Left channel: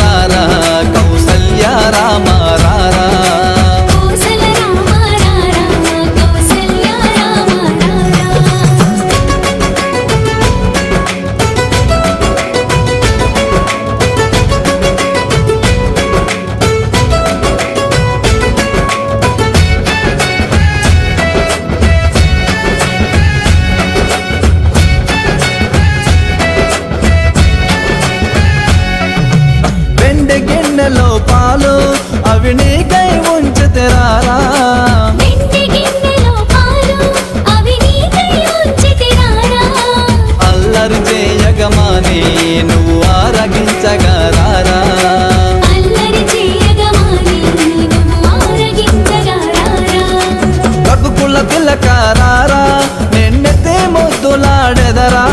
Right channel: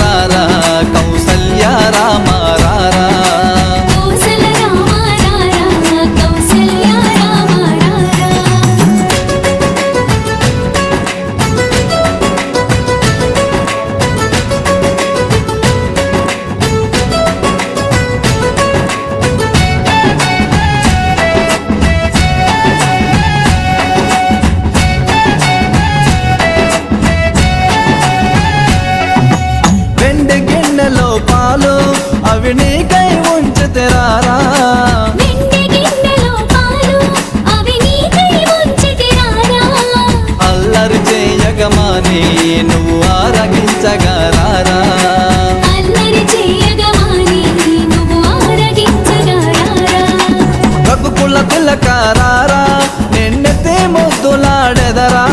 రారా కౌసల్య రామ రారా వెండి గిన్నెలో పాలు అవి నీకై ఉంచితిరారా అల్లరి చేయగమాని నువ్వు ఆరగించగరారా రఘుకుల తిలకారారా నిన్నెత్తి ముద్దులాడెదరా